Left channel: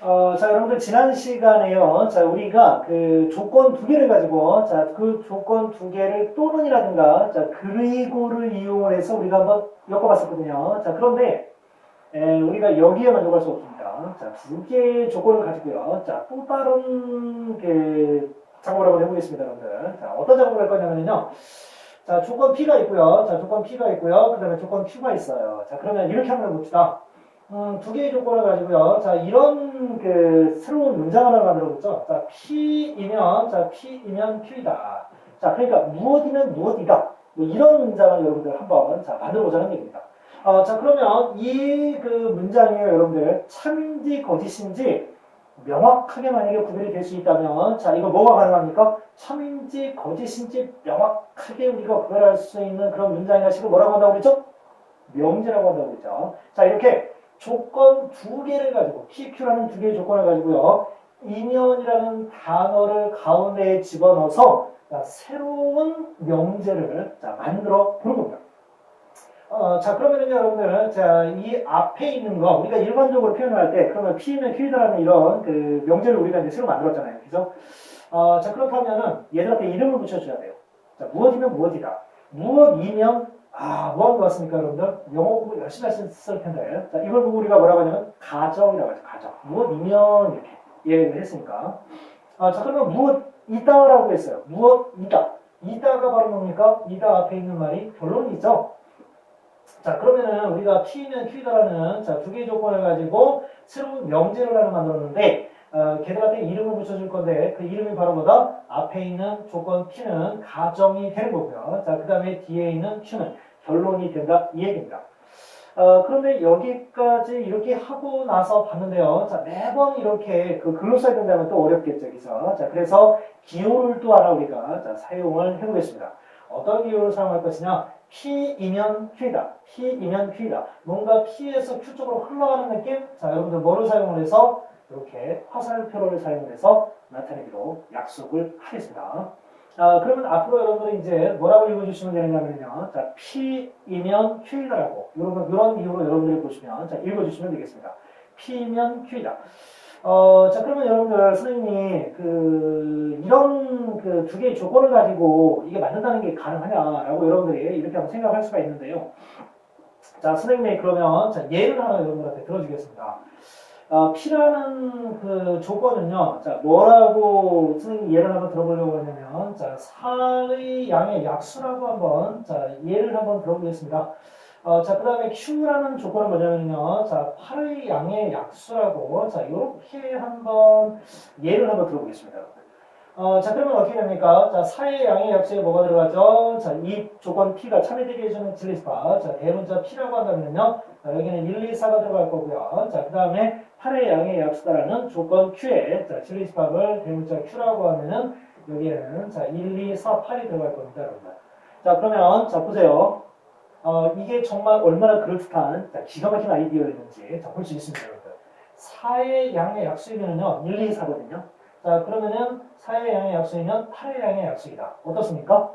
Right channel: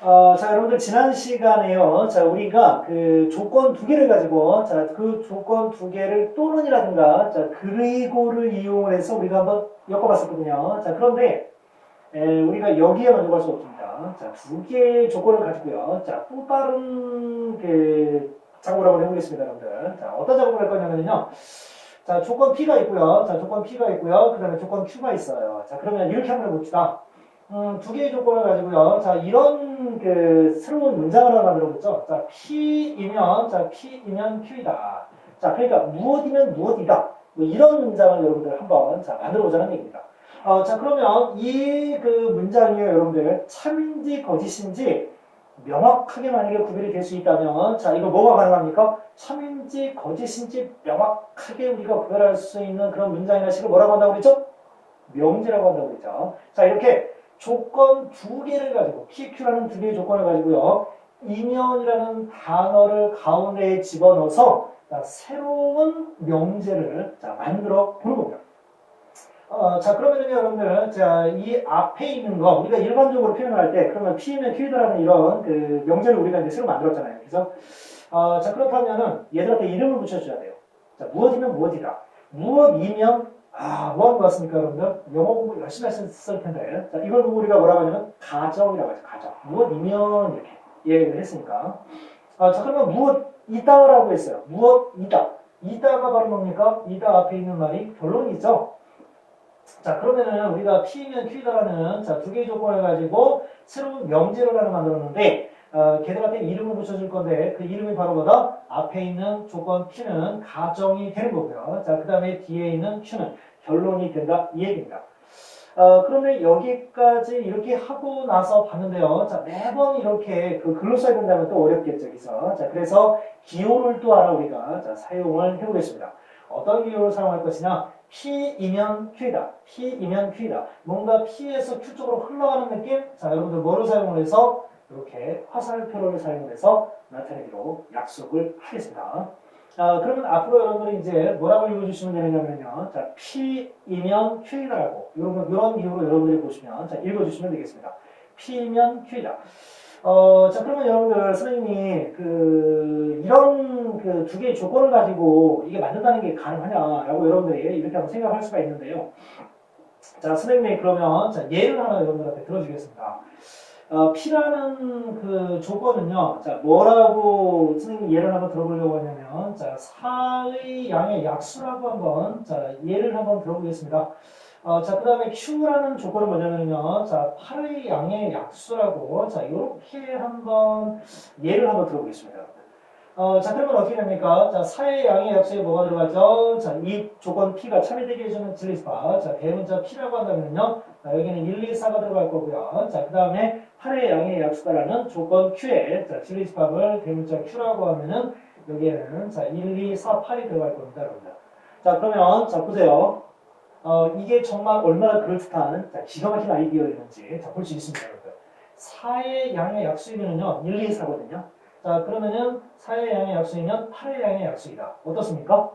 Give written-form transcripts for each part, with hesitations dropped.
자, 여러분들 지난 시간에요. 자, 우리가 그 조건 두 개를 가지고, 자, 그 조건 두 개를 또는이라든가, 자, 그리고를 이용을 해서 우리가 한번 엮어봤었거든요. 자, 그런데 우리가 여기에 만족할 수 없습니다. 자, 두 개의 조건을 가지고요. 자, 또 다른 그 작업을 한번 해보겠습니다, 여러분들. 자, 어떤 작업을 할 거냐면요. 자, 조건 P가 있고요. 자, 조건 P가 있고요. 그 다음에 조건 Q가 있어요. 자, 그러면 이렇게 한번 해봅시다. 두 개의 조건을 가지고요. 자, 이런 그 새로운 문장 하나 만들어보죠. 자, P이면 Q이다. 자, 그러니까 무엇이면 무엇이다. 뭐 이런 문장을 여러분들 한번 자, 만들어보자는 얘기입니다. 자, 그러면 이 그 문장이요, 여러분들 참인지 거짓인지 명확하게 만약에 구별이 될 수 있다면, 자, 이거 뭐가 가능합니까? 참인지 거짓인지 명확하게 우리가 구별할 수 있는 그런 문장이나 식을 뭐라고 한다고 그랬죠? 명제라고 한다고 그랬죠. 자, 이렇게 조건 두 개를 가지고 PQ라는 두 개의 조건을 가지고요. 이면이라는 단어를 가운데에 집어넣어서 자, 새로운 명제를 자, 만들어 보는 겁니다. 자, 그러면은 여러분들, 자, 이 앞에 있는 거, 우리가 일반적으로 표현을 할 때, 그러면 P면 Q다라는 이런 그 명제를 우리가 이제 새로 만들었잖아요. 그래서, 자, 그렇다면은 얘들한테 이름을 붙여줘야 돼요. 자, 무엇이면 무엇이다. 무엇이면, 무엇인 것 같습니까, 여러분들? 영어 공부 열심히 하셨을 텐데. 자, 이걸 보고 우리가 뭐라고 하냐면, 가정이라고 하죠, 가정. 무엇이면, 이렇게 얘기를 했으니까. 자, 그러면 무엇이다라고 했어요. 무엇이다. 이다가 바로 뭡니까? 이다 앞에 있는 말이 결론이죠. 자, 그러면은 우리가 P면 Q다라는 자, 두 개의 조건을 가지고 새로운 명제를 하나 만들었는데, 걔들한테 이름을 붙여줄 건데, 그 이름이 바로 뭐다? 앞에 있는 조건 P는 가정이 되는 거고요. 자, 그 다음에 뒤에 있는 Q는 결론이 된다. 이 얘기입니다. 그런데 여기까지 이렇게 하고 나서 봤는데요. 자, 매번 이렇게 그 글로 써야 된다면 또 어렵겠죠, 여기서. 자, 그래서 기호를 또 하나 우리가 자, 사용을 해보겠습니다. 어떤 기호를 사용할 것이냐? P이면 Q이다. P이면 Q이다. 뭔가 P에서 Q 쪽으로 흘러가는 느낌? 자, 여러분들 뭐를 사용을 해서? 이렇게 화살표를 사용을 해서 나타내기로 약속을 하겠습니다. 그러면 앞으로 여러분들이 이제 뭐라고 읽어주시면 되느냐면요. 자, P이면 Q이다라고. 이런 이유로 여러분들이 보시면, 자, 읽어주시면 되겠습니다. P면 Q이다. 자, 그러면 여러분들, 선생님이, 이런 두 개의 조건을 가지고 이게 맞는다는 게 가능하냐라고 여러분들이 이렇게 한번 생각할 수가 있는데요. 자, 선생님이 그러면, 자, 예를 하나 여러분들한테 들어주겠습니다. P라는 그 조건은요, 자, 뭐라고 선생님이 예를 한번 들어보려고 하냐면, 자, 사의 양의 약수라고 한번, 자, 예를 한번 들어보겠습니다. 자, 그 다음에 Q라는 조건은 뭐냐면요. 자, 8의 양의 약수라고, 자, 이렇게 한번, 예를 한번 들어보겠습니다. 자, 그러면 어떻게 됩니까? 자, 4의 양의 약수에 뭐가 들어가죠? 자, 이 조건 P가 참여되게 해주는 진리수파. 자, 대문자 P라고 한다면요. 자, 여기는 1, 2, 4가 들어갈 거고요. 자, 그 다음에 8의 양의 약수다라는 조건 Q에, 자, 진리수팝을 대문자 Q라고 하면은, 여기에는, 자, 1, 2, 4, 8이 들어갈 겁니다, 여러분들. 자, 그러면, 자, 보세요. 이게 정말 얼마나 그럴듯한 자, 기가 막힌 아이디어였는지 볼 수 있습니다, 여러분들. 4의 양의 약수이면요 1, 2, 4거든요. 자, 그러면은 4의 양의 약수이면 8의 양의 약수이다. 어떻습니까?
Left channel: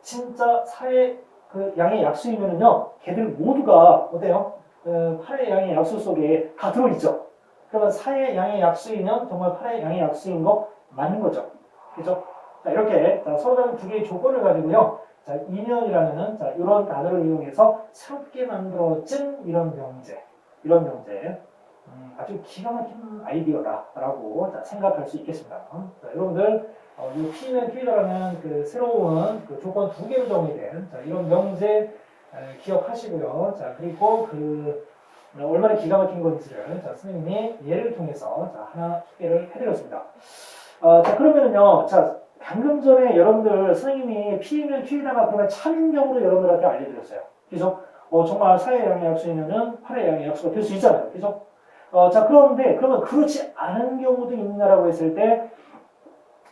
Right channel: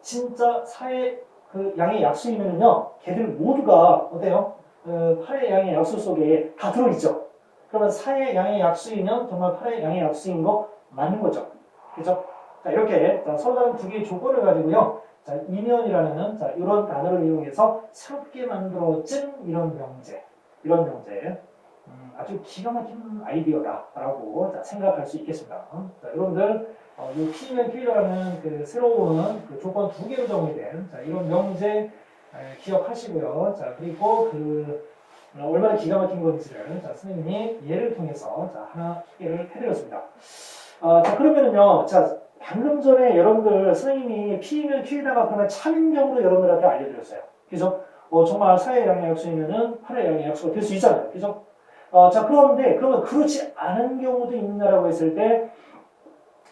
진짜 4의 그 양의 약수이면요 걔들 모두가 어때요? 8의 양의 약수 속에 다 들어있죠. 그러면 4의 양의 약수이면 정말 8의 양의 약수인 거 맞는 거죠. 그죠? 자, 이렇게 서로 다른 두 개의 조건을 가지고요. 자, 이면이라는 자, 이런 단어를 이용해서 새롭게 만들어진 이런 명제. 아주 기가 막힌 아이디어다라고 생각할 수 있겠습니다. 자, 여러분들, 이 P면 Q라는 그 새로운 그 조건 두 개로 정의된 자, 이런 명제 기억하시고요. 자, 그리고 얼마나 기가 막힌 건지를 자, 선생님이 예를 통해서 자, 하나 소개를 해드렸습니다. 자, 그러면은요, 자, 방금 전에 여러분들 선생님이 P면 Q에다가 그러면 참인경으로 여러분들한테 알려드렸어요. 그래서 정말 4의 양의 약수이면은 8의 양의 약수가 될 수 있잖아요. 그래서 자, 그러면 그렇지 않은 경우도 있느냐라고 했을 때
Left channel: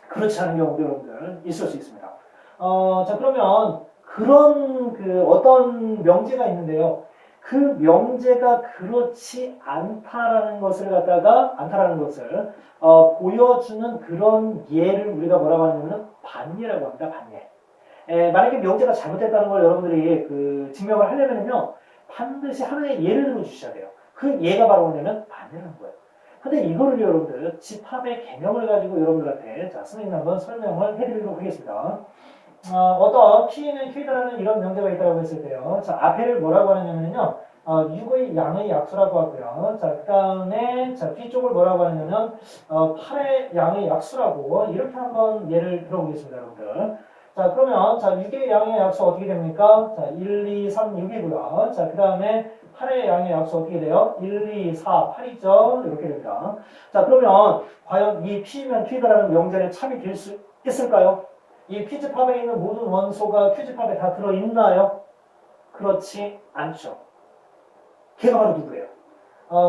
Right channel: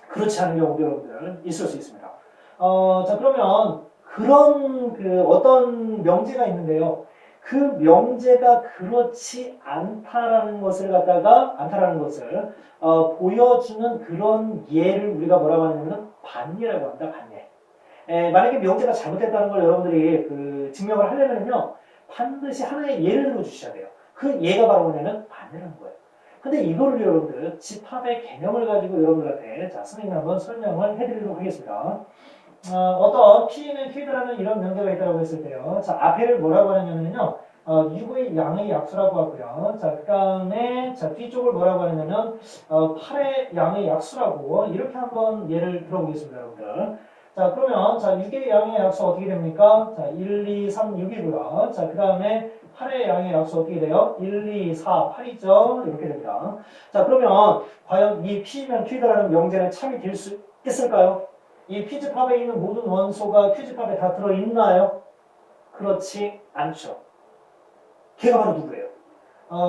그렇지 않은 경우도 여러분들 있을 수 있습니다. 자, 그러면 그런 어떤 명제가 있는데요. 그 명제가 그렇지 않다라는 것을 보여주는 그런 예를 우리가 뭐라고 하냐면 반예라고 합니다. 반예. 만약에 명제가 잘못됐다는 걸 여러분들이 증명을 하려면요 반드시 하나의 예를 들어 주셔야 돼요. 그 예가 바로 뭐냐면 반예라는 거예요. 근데 이거를 여러분들 집합의 개념을 가지고 여러분들한테 자, 선생님이 한번 설명을 해드리도록 하겠습니다. 어떤 P는 Q다라는 이런 명제가 있다고 했을 때요. 자, 앞에를 뭐라고 하냐면요. 6의 양의 약수라고 하고요. 자, 그 다음에, 자, 뒤쪽을 뭐라고 하냐면, 8의 양의 약수라고, 이렇게 한번 예를 들어보겠습니다, 여러분들. 자, 그러면, 자, 6의 양의 약수 어떻게 됩니까? 자, 1, 2, 3, 6이고요. 자, 그 다음에, 8의 양의 약수 어떻게 돼요? 1, 2, 4, 8이죠? 이렇게 됩니다. 자, 그러면, 과연 이 P면 Q다라는 명제는 참이 될 수 있을까요? 이 P집합에 있는 모든 원소가 Q집합에 다 들어있나요? 그렇지 않죠. 걔가 바로 누구예요?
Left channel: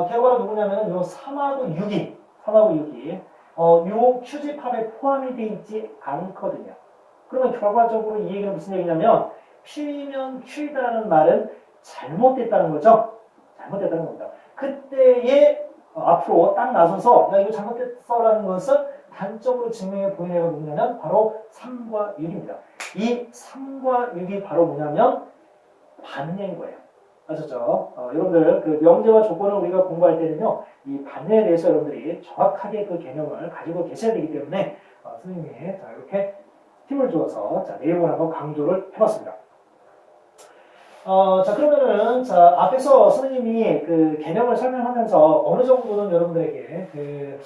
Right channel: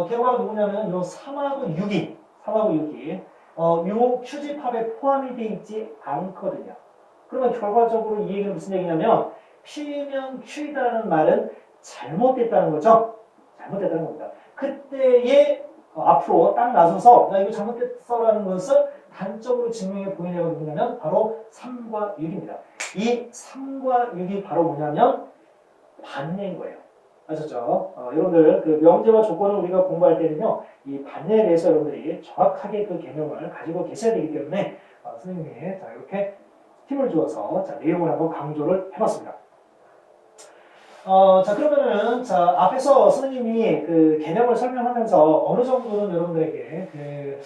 걔가 바로 누구냐면 요 3하고 6이 요 Q집합에 포함이 되어 있지 않거든요. 그러면 결과적으로 이 얘기는 무슨 얘기냐면 P면 Q이다라는 말은 잘못됐다는 거죠. 잘못됐다는 겁니다. 그때에 앞으로 딱 나서서 야 이거 잘못됐어라는 것을 단적으로 증명해 보이는 애가 누구냐면 바로 3과 6입니다. 이 3과 6이 바로 뭐냐면 반례인 거예요. 아셨죠? 여러분들 그 명제와 조건을 우리가 공부할 때는요, 이 반례에 대해서 여러분들이 정확하게 그 개념을 가지고 계셔야 되기 때문에 선생님이 자 이렇게 힘을 주어서 자 내용을 한번 강조를 해봤습니다. 자 그러면은 자 앞에서 선생님이 그 개념을 설명하면서 어느 정도는 여러분들에게 그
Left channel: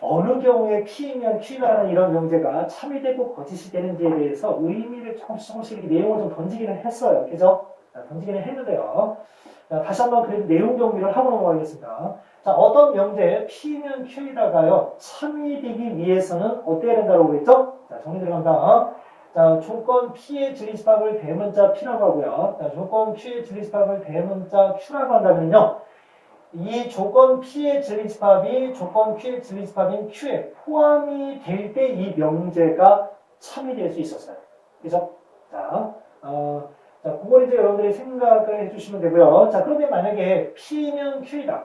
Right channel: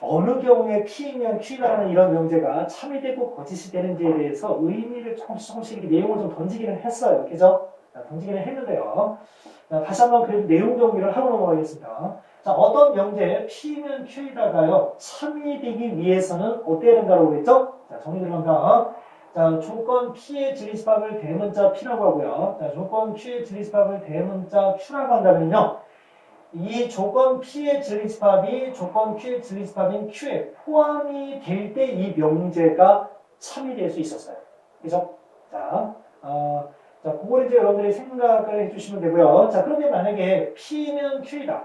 어느 경우에 P면 Q다라는 이런 명제가 참이 되고 거짓이 되는지에 대해서 의미를 조금씩 이렇게 내용을 좀 던지기는 했어요. 그죠? 던지기는 했는데요. 자, 다시 한번 그 내용 정리를 하고 넘어가겠습니다. 자, 어떤 명제 P면 Q이다가요 참이 되기 위해서는 어때야 된다고 그랬죠? 자, 정리 들어갑니다. 자, 조건 P의 진리집합을 대문자 P라고 하고요. 자, 조건 Q의 진리집합을 대문자 Q라고 한다면요. 이 조건 P의 진리집합이 조건 Q의 진리집합인 Q에 포함이 될 때 이 명제가 참이 될 수 있었어요. 그죠? 자, 자, 그걸 이제 여러분들이 생각을 해주시면 되고요. 자, 그런데 만약에 P면 Q이다.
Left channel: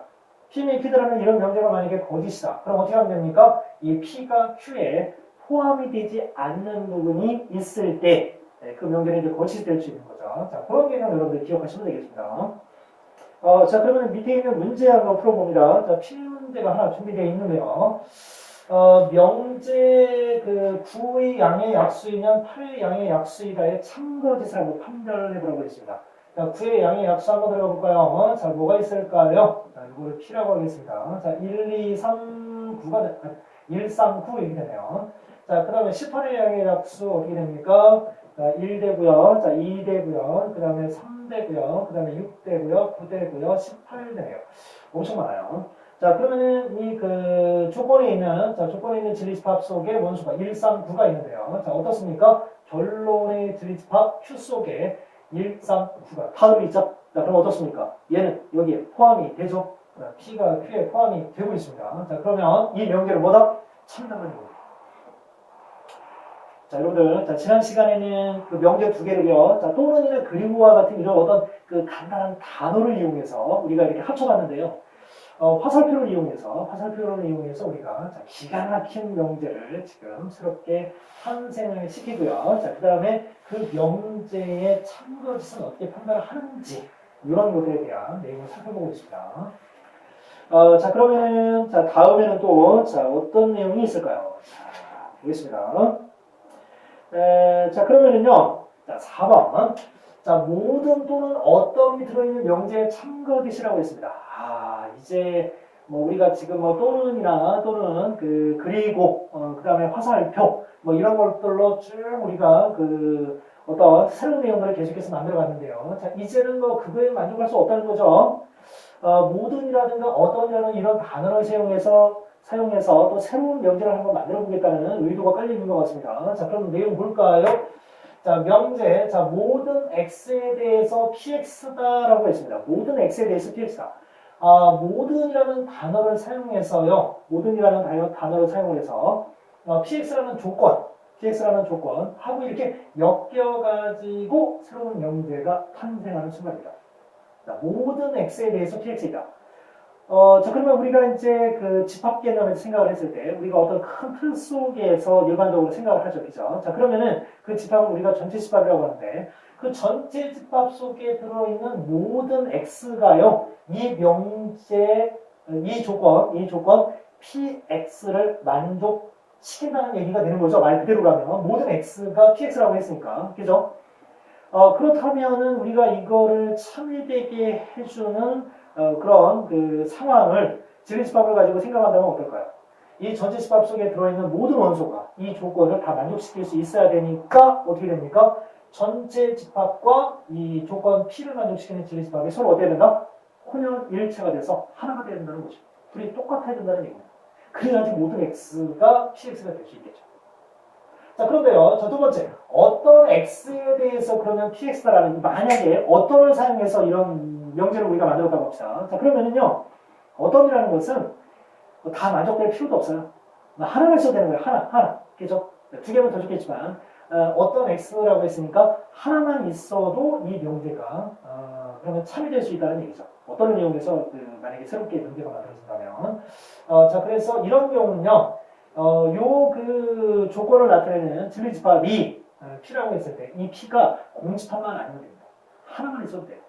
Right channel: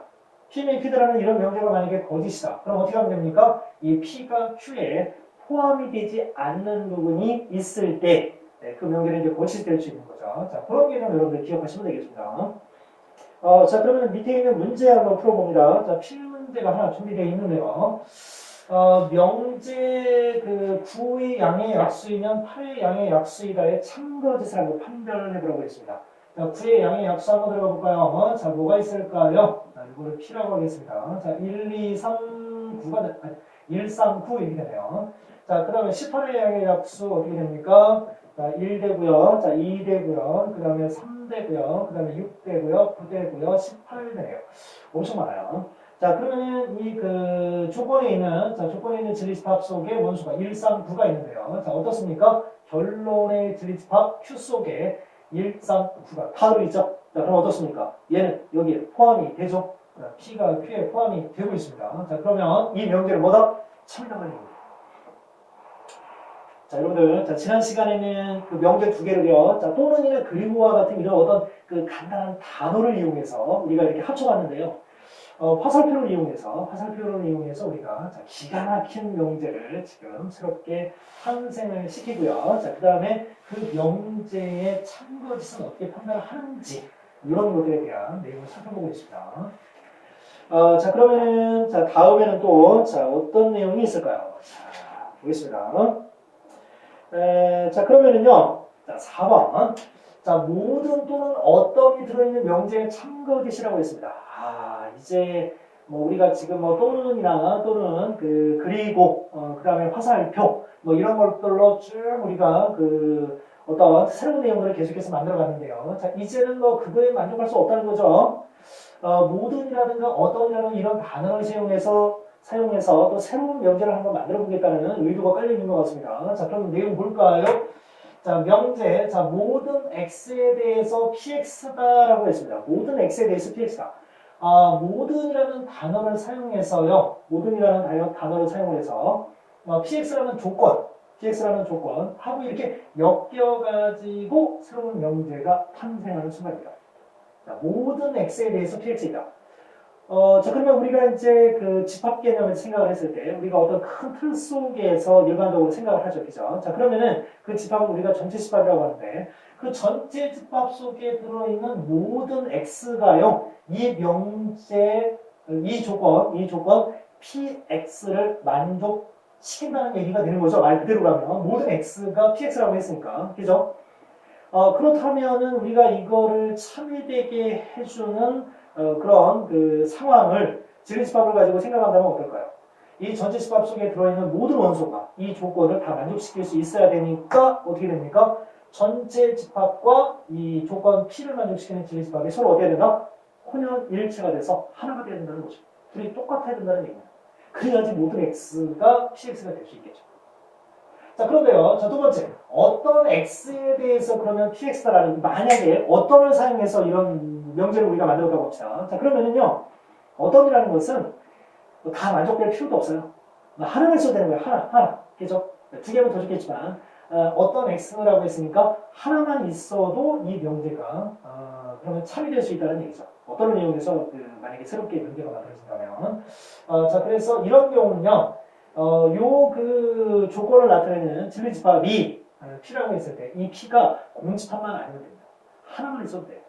P면 Q다라는 이런 명제가 만약에 거짓이다. 그럼 어떻게 하면 됩니까? 이 P가 Q에 포함이 되지 않는 부분이 있을 때 그 명제는 이제 거짓이 될 수 있는 거죠. 자, 그런 개념 여러분들 기억하시면 되겠습니다. 자, 그러면 밑에 있는 문제 한번 풀어봅니다. 자, 필문제가 하나 준비되어 있는데요. 명제 그 9의 양의 약수이면 8의 양의 약수이다의 참거짓을 한번 판별을 해보라고 했습니다. 자, 9의 양의 약수 한번 들어가 볼까요? 자, 뭐가 있을까요? 자, 이거를 P라고 하겠습니다. 자, 1, 2, 3, 9가, 1, 3, 9 이렇게 되네요. 자, 그 다음에 18의 양의 약수 어떻게 됩니까? 자, 1되고요. 자, 2되고요. 그 다음에 3되고요. 그 다음에 6되고요. 9되고요. 18되네요. 엄청 많아요. 자, 그러면은 이 그 조건에 있는 진리집합 속에 원수가 1, 3, 9가 있는데요. 자, 어떻습니까? 결론의 진리집합 Q 속에 1, 3, 9가 다 들어있죠? 자, 그럼 어떻습니까? 얘는 여기에 포함이 되죠? P가 Q에 포함이 되고 있습니다. 자, 그러면 이 명제를 뭐다? 참이라는 겁니다. 자, 여러분들, 자, 지난 시간에는 그 명제 두 개를요, 자, 또는이나 그리고와 같은 이런 어떤 그 간단한 단어를 이용해서 우리가 이렇게 합쳐봤는데요. 화살표를 이용해서 우리가 자, 기가 막힌 명제를 지금 새롭게 탄생을 시키고요. 자, 그 다음에 그 명제의 참거짓은 어떻게 판단을 하는지 이런 것들에 대한 내용을 살펴보고 있습니다. 자, 그러면 자, 다음에는 또 자, 어떤 내용이 있을까요? 자, 보겠습니다. 자, 그러면은요, 자, 4번. 자, 모든 또는 어떤이 들어있는 명제의 참거짓이라고 했습니다. 이제, 뭐, 우리가 지금 뭐, 또는 그리고, 그 다음에 화살표, 뭐, 이런 것들로 쭉 우리가 어떤 새로운 내용들을 계속해서 만들어 갔는데요. 자, 이제는 뭐, 그거에 만족할 수 없다는 거죠. 모든이라든가 어떤이라는 이런 단어를 사용해서 또 새로운 명제를 한번 만들어 보겠다는 의도가 깔려 있는 것 같습니다. 자, 그럼 내용 볼까요? 자, 명제. 자, 모든 x에 대해서 px다라고 했습니다. 모든 x에 대해서 px다. 모든이라는 단어를 사용해서요. 모든이라는 단어를 사용해서 px라는 조건 하고 이렇게 엮여가지고 새로운 명제가 탄생하는 순간입니다. 자, 모든 x에 대해서 px이다. 자, 그러면 우리가 이제 그 집합 개념에서 생각을 했을 때, 우리가 어떤 큰 틀 속에서 일반적으로 생각을 하죠. 그죠? 자, 그러면은 그 집합을 우리가 전체 집합이라고 하는데, 그 전체 집합 속에 들어있는 모든 x가요, 이 명제의 이 조건 px를 만족시킨다는 얘기가 되는 거죠. 말 그대로라면 모든 x가 px라고 했으니까, 그죠? 그렇다면은 우리가 이거를 참여되게 해주는 그런 그 상황을 질리집합을 가지고 생각한다면 어떨까요? 이 전체집합 속에 들어있는 모든 원소가 이 조건을 다 만족시킬 수 있어야 되니까 어떻게 됩니까? 전체 집합과 이 조건 P를 만족시키는 질리집합이 서로 어떻게 된다? 혼연일체가 돼서 하나가 돼야 된다는 거죠. 둘이 똑같아야 된다는 얘기입니다. 그래야지 모든 X가 PX가 될 수 있겠죠. 자, 그런데요. 자, 두 번째. 어떤 X에 대해서 그러면 PX다라는, 만약에 어떤을 사용해서 이런 명제를 우리가 만들었다고 합시다. 자, 그러면은요. 어떤이라는 것은 다 만족될 필요도 없어요. 하나만 써도 되는 거예요. 하나. 그죠? 두 개면 더 좋겠지만, 어떤 X라고 했으니까 하나만 있어도 이 명제가, 그러면 참여될 수 있다는 얘기죠. 어떤 내용에서 만약에 새롭게 명제가 만들어진다면. 자, 그래서 이런 경우는요, 요 그 조건을 나타내는 진리집합이 P라고 했을 때, 이 P가 공집합만 아니면 됩니다. 하나만 있어도 돼요.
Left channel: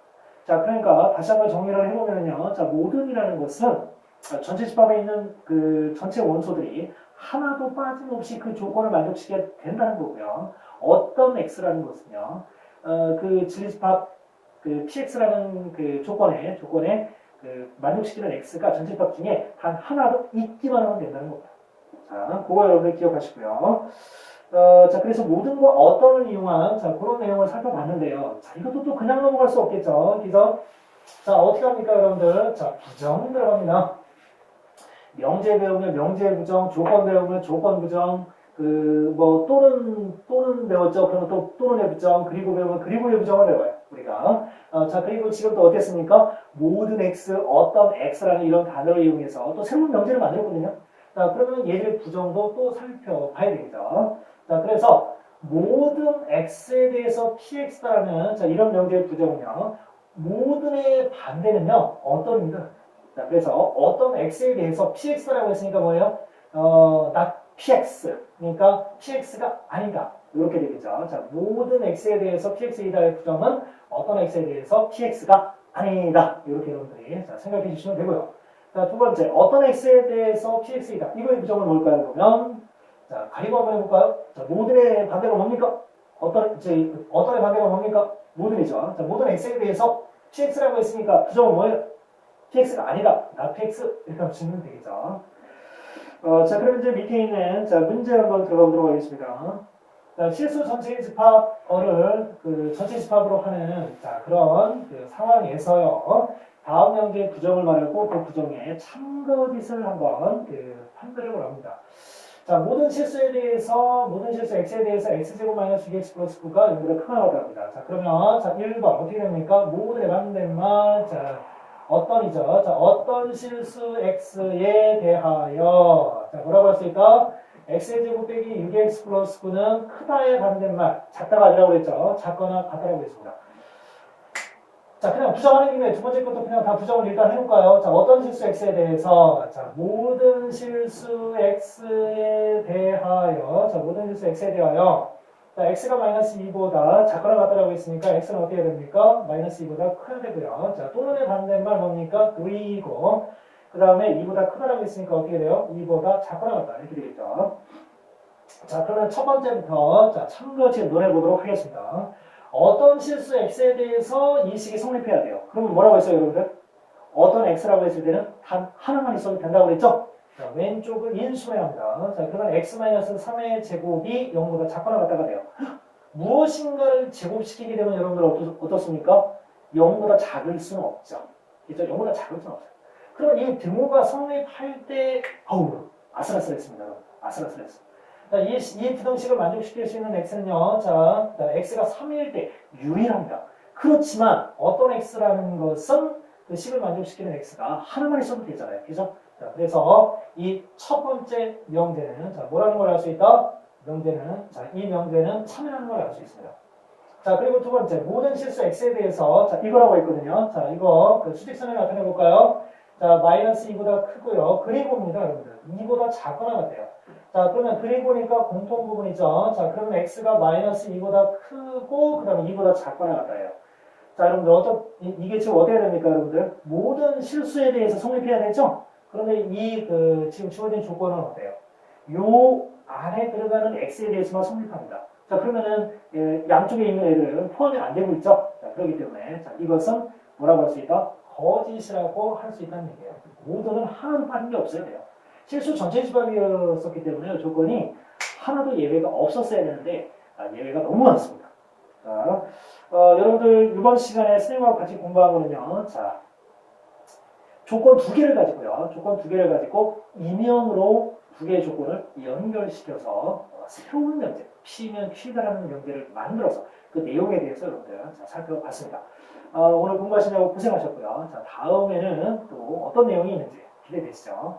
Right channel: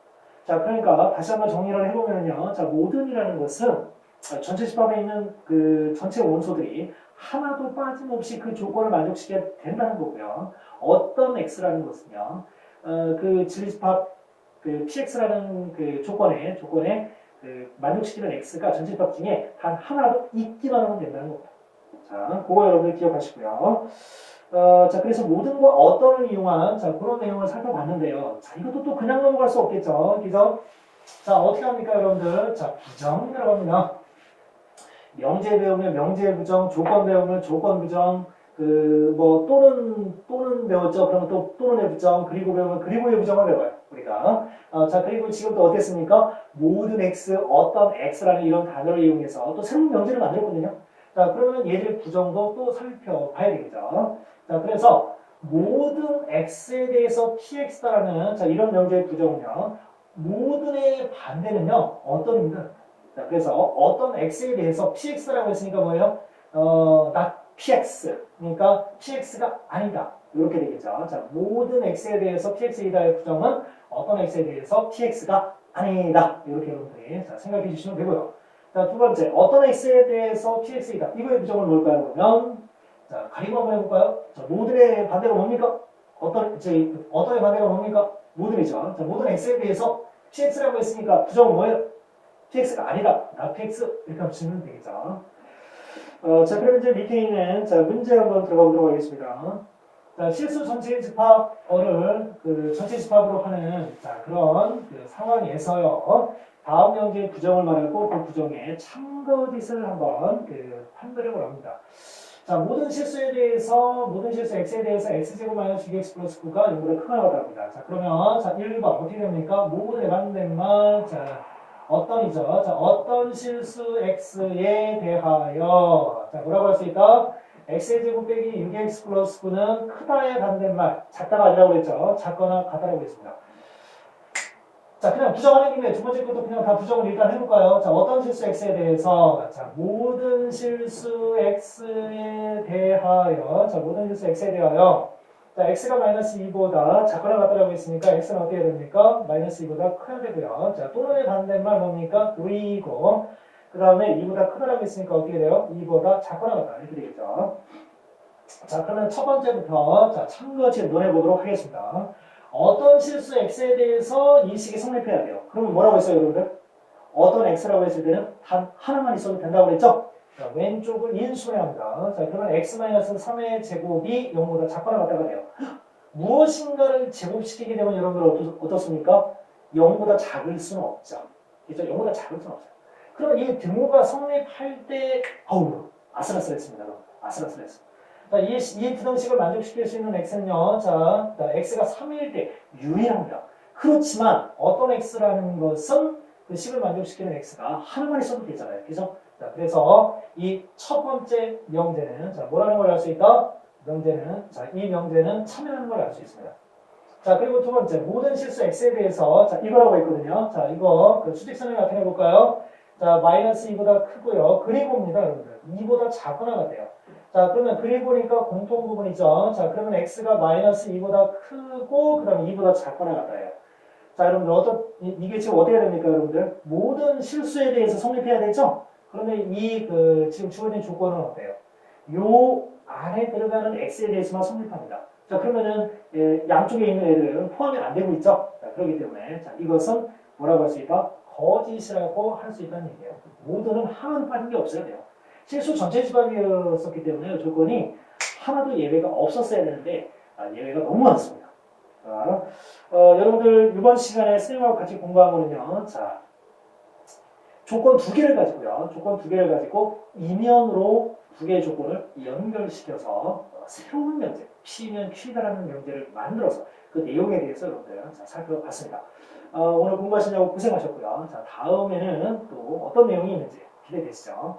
자, 그러니까 다시 한번 정리를 해보면요. 자, 모든이라는 것은 전체 집합에 있는 그 전체 원소들이 하나도 빠짐없이 그 조건을 만족시켜야 된다는 거고요. 어떤 X라는 것은요, 그 진리집합, 그 PX라는 그 조건에 그 만족시키는 X가 전체 집합 중에 단 하나도 있기만 하면 된다는 겁니다. 자, 그거 여러분들 기억하시고요. 자, 그래서 모든과 어떤을 이용한, 자, 그런 내용을 살펴봤는데요. 자, 이것도 또 그냥 넘어갈 수 없겠죠. 그래서, 자, 어떻게 합니까, 여러분들? 자, 부정 들어갑니다. 명제 배우면 명제 부정, 조건 배우면 조건 부정, 또는 배웠죠. 그러면 또, 또는의 부정, 그리고 배우면 그리고의 부정을 배워요. 우리가. 자, 그리고 지금 또 어땠습니까? 모든 X, 어떤 X라는 이런 단어를 이용해서 또 새로운 명제를 만들었거든요. 자, 그러면 얘들의 부정도 또 살펴봐야 되겠죠. 자, 그래서 모든 X에 대해서 PX다라는 자, 이런 명제의 부정은요. 모든의 반대는요. 어떤입니다. 자, 그래서 어떤 X에 대해서 PX라고 했으니까 뭐예요? not PX. 그러니까 PX가 아니다. 이렇게 되겠죠. 자, 모든 X에 대해서 PX이다의 부정은 어떤 X에 대해서 PX가 아니다. 이렇게 여러분들이 자, 생각해 주시면 되고요. 자, 두 번째, 어떤 X에 대해서 PX이다. 이거의 부정은 뭘까요? 그러면, 자, 가리고 한번 해볼까요? 자, 모든의 반대가 뭡니까? 어떤의 반대가 뭡니까? 모든이죠. 자, 모든 X에 대해서 PX라고 했으니까 부정은 뭐예요? PX가 아니다. not PX. 이렇게 하면 쓰면 되겠죠. 자, 그럼 이제 밑에 있는, 자, 문제 한번 들어가 보도록 하겠습니다. 자, 실수 전체 집합어를 그 전체 집합으로 하는, 자, 그런 그 상황에서요. 다음 명제의 부정을 말하고 그 부정의 참거짓을 한번 판별을 합니다. 자, 모든 실수 x에 대해서 x제곱 마이너스 2x 플러스 9가 0보다 크다고 합니다. 자, 그러면 자, 1번 어떻게 됩니까? 모든에 반대말 자, 어떤이죠? 자, 어떤 실수 x에 대하여 자, 뭐라고 할 수 있다? x제곱 빼기 6x 플러스 9는 크다의 반대말 작다가 아니라고 그랬죠? 작거나 같다라고 했습니다. 자, 그냥 부정하는 김에 두 번째 것도 그냥 다 부정을 일단 해볼까요? 자, 어떤 실수 x에 대해서 자, 모든 실수 x에 대하여 자, 모든 실수 x에 대하여 자, x가 마이너스 2보다 작거나 같다라고 했으니까 x는 어떻게 됩니까? 마이너스 2보다 커야 되고요. 자, 또는의 반대말 뭡니까? 그리고 그 다음에 2보다 크다라고 했으니까 어떻게 돼요? 2보다 작거나 같다 이렇게 되겠죠. 자, 그러면 첫 번째부터 자, 참거짓 논해보도록 하겠습니다. 어떤 실수 x에 대해서 이 식이 성립해야 돼요. 그러면 뭐라고 했어요, 여러분들? 어떤 x라고 했을 때는 단 하나만 있어도 된다고 그랬죠? 자, 왼쪽을 인수해합니다. 자, 그러면 x-3의 제곱이 0보다 작거나 같다가 돼요. 무엇인가를 제곱시키게 되면 여러분들 어떻습니까? 0보다 작을 수는 없죠. 그죠? 0보다 작을 수는 없어요. 그럼 이 등호가 성립할 때, 아슬아슬했습니다. 아슬아슬했어요. 자, 이 부등식을 만족시킬 수 있는 x는요, 자, x가 3일 때 유일합니다. 그렇지만 어떤 x라는 것은 그 식을 만족시키는 x가 하나만 있어도 되잖아요. 그죠? 자, 그래서 이 첫 번째 명제는, 자, 뭐라는 걸 알 수 있다? 이 명제는 참여하는 걸 알 수 있습니다. 자, 그리고 두 번째, 모든 실수 x에 대해서, 자, 이거라고 있거든요. 자, 이거, 수직선을 나타내 볼까요? 자, 마이너스 2보다 크고요. 그리고입니다, 여러분들. 2보다 작거나 같아요. 자, 그러면 그리고니까 공통 부분이죠. 자, 그러면 x가 마이너스 2보다 크고, 그 다음에 2보다 작거나 같아요. 자, 여러분들 이게 지금 어떻게 됩니까, 여러분들? 모든 실수에 대해서 성립해야 되죠? 그런데 지금 주어진 조건은 어때요? 요 안에 들어가는 x에 대해서만 성립합니다. 자, 그러면은 양쪽에 있는 애들은 포함이 안 되고 있죠? 자, 그렇기 때문에 자, 이것은 뭐라고 할 수 있다? 거짓이라고 할 수 있다는 얘기예요. 모두는 하나도 빠진 게 없어야 돼요. 실수 전체 집합이었었기 때문에 조건이 하나도 예외가 없었어야 되는데 예외가 너무 많습니다. 자, 여러분들 이번 시간에 선생님하고 같이 공부한 거는요. 자, 조건 두 개를 가지고요. 조건 두 개를 가지고 이면으로 두 개의 조건을 연결시켜서 새로운 명제, P면 Q다라는 명제를 만들어서 그 내용에 대해서 여러분들 살펴봤습니다. 오늘 공부하시냐고 고생하셨고요. 자, 다음에는 또 어떤 내용이 있는지 기대되시죠?